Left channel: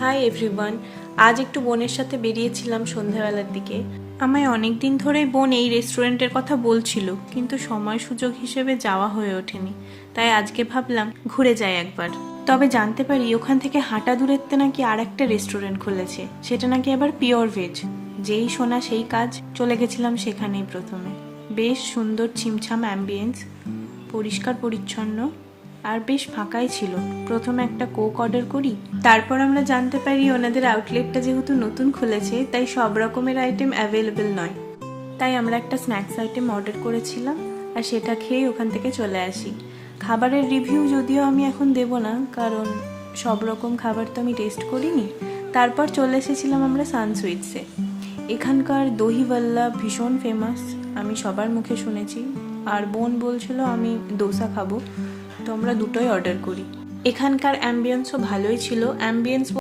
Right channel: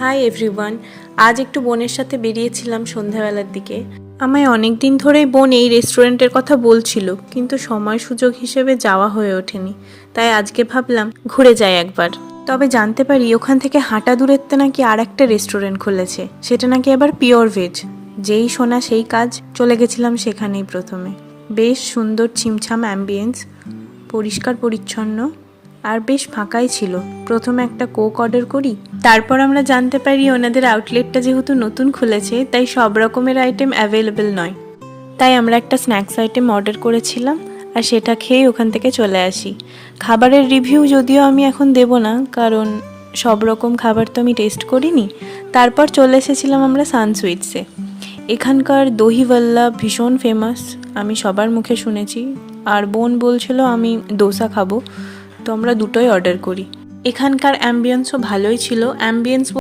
Hi everyone. আজ একটু বোনের সাথে বেরিয়েছিলাম সন্ধ্যাবেলার দিকে। আমায় অনেক দিন ধরেই বোন এই রেস্টুরেন্টের কথা বলছিল, কিন্তু সময় সুযোগ হিসেবে যাওয়া হয়ে ওঠেনি। তাই আজকে ভাবলাম ঘুরে যাই একবার। তবে জানতে পারি ওখান থেকে হাঁটা দূরত্বে নাকি আর একটা রেস্টুরেন্ট খুলেছে, সেটা নাকি আবার পিওর ভেজ। যেই শোনা সেই কাজ, চলে গেছিলাম সেখানেই প্রথমে। বেশ সুন্দর ছিমছাম অ্যাম্বিয়েন্স, পরিষ্কার পরিচ্ছন্ন আর বেশ ফাঁকাই ছিল। প্রথমে একটা কোক অর্ডার করি, তারপর আমরা জানতে পারি ওনাদের আউটলেটটা যেহেতু নতুন খুলেছে তাই সব রকমের আইটেম অ্যাভেলেবেল নয়। তাই আমরা একটা স্ন্যাক্স আইটেম অর্ডার করেছিলাম আর সেটা খেয়ে ওখান থেকে চলে আসি। খাবারের রিভিউ যদিও আমি এখন দেব না, কারণ সব রকম খাবার তো আমি টেস্ট করিনি। তারপর চলে এসেছিলাম আমরা সান সুইটসে। এখানকার দহি ভাল্লা ভীষণ ফেমাস, আমি সবার মুখে শুনেছি। আর বোন বলছিল আমি দোসা খাবো, তো আমরা দুটোই অর্ডার করি। এখানকার অ্যাম্বিয়েন্সও ভালোই ছিল। অ্যাম্বিয়েন্স